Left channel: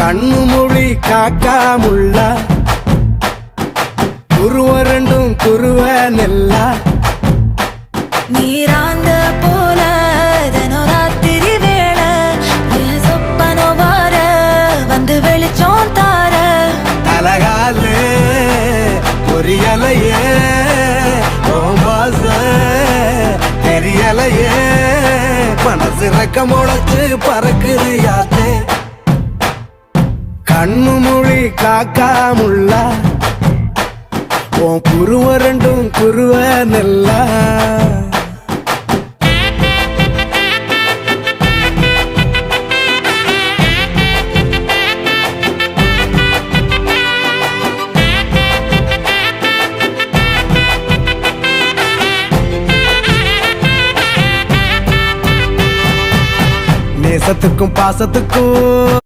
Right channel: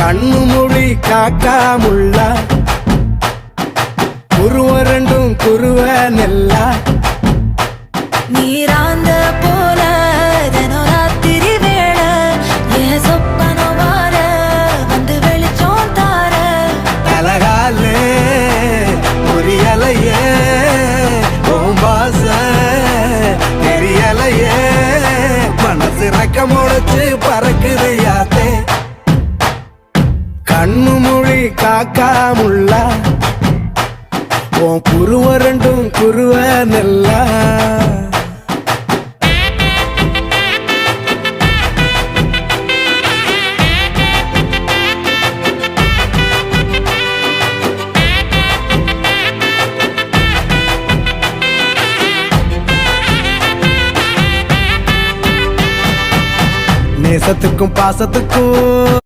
கண்ணு மொழி காக்காமுள்ள குருவ ரெண்டும் குருவ நெல்லா நீராங்க போல தினராத்திரி வேண என் சொப்பனம் மாற வந்து வெளிச்சம் தார தலகாலே பொரியலையே ஓம்பாச தெரியலையே மனசு ரக்க முளைச்சு பறக்குதையாத்தே கண்ணு மொழி காக்காமுள்ள உன் குருவ ரெண்டும் குருவ நெல்லா நேசத்துக்கும் பாசத்துக்கும்